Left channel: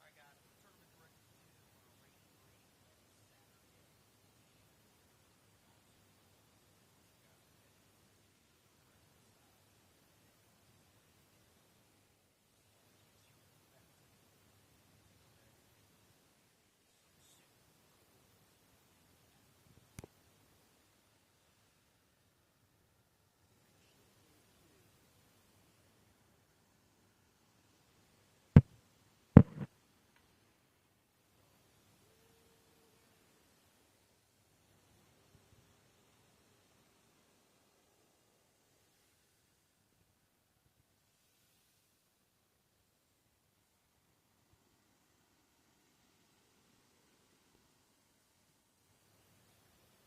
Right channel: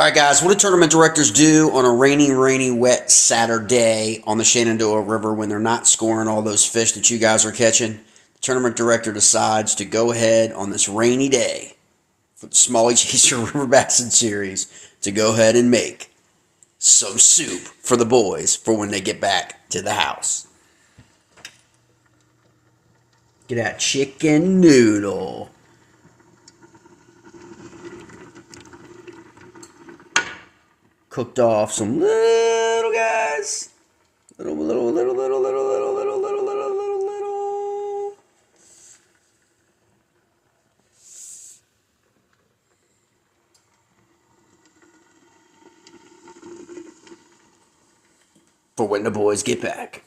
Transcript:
All right, guys, what do tournament directors do on a rainy, wet Saturday on the Shenandoah River when they're not scoring all those fish that you guys are catching? The tournament director decides to go ahead on this rainy day for the Smalley Chaser River Bassin Series to go ahead and make some soup for the boys for when they get back to the house. Get that chicken noodle. Cooked off some little guys. Little. For when the boys get back.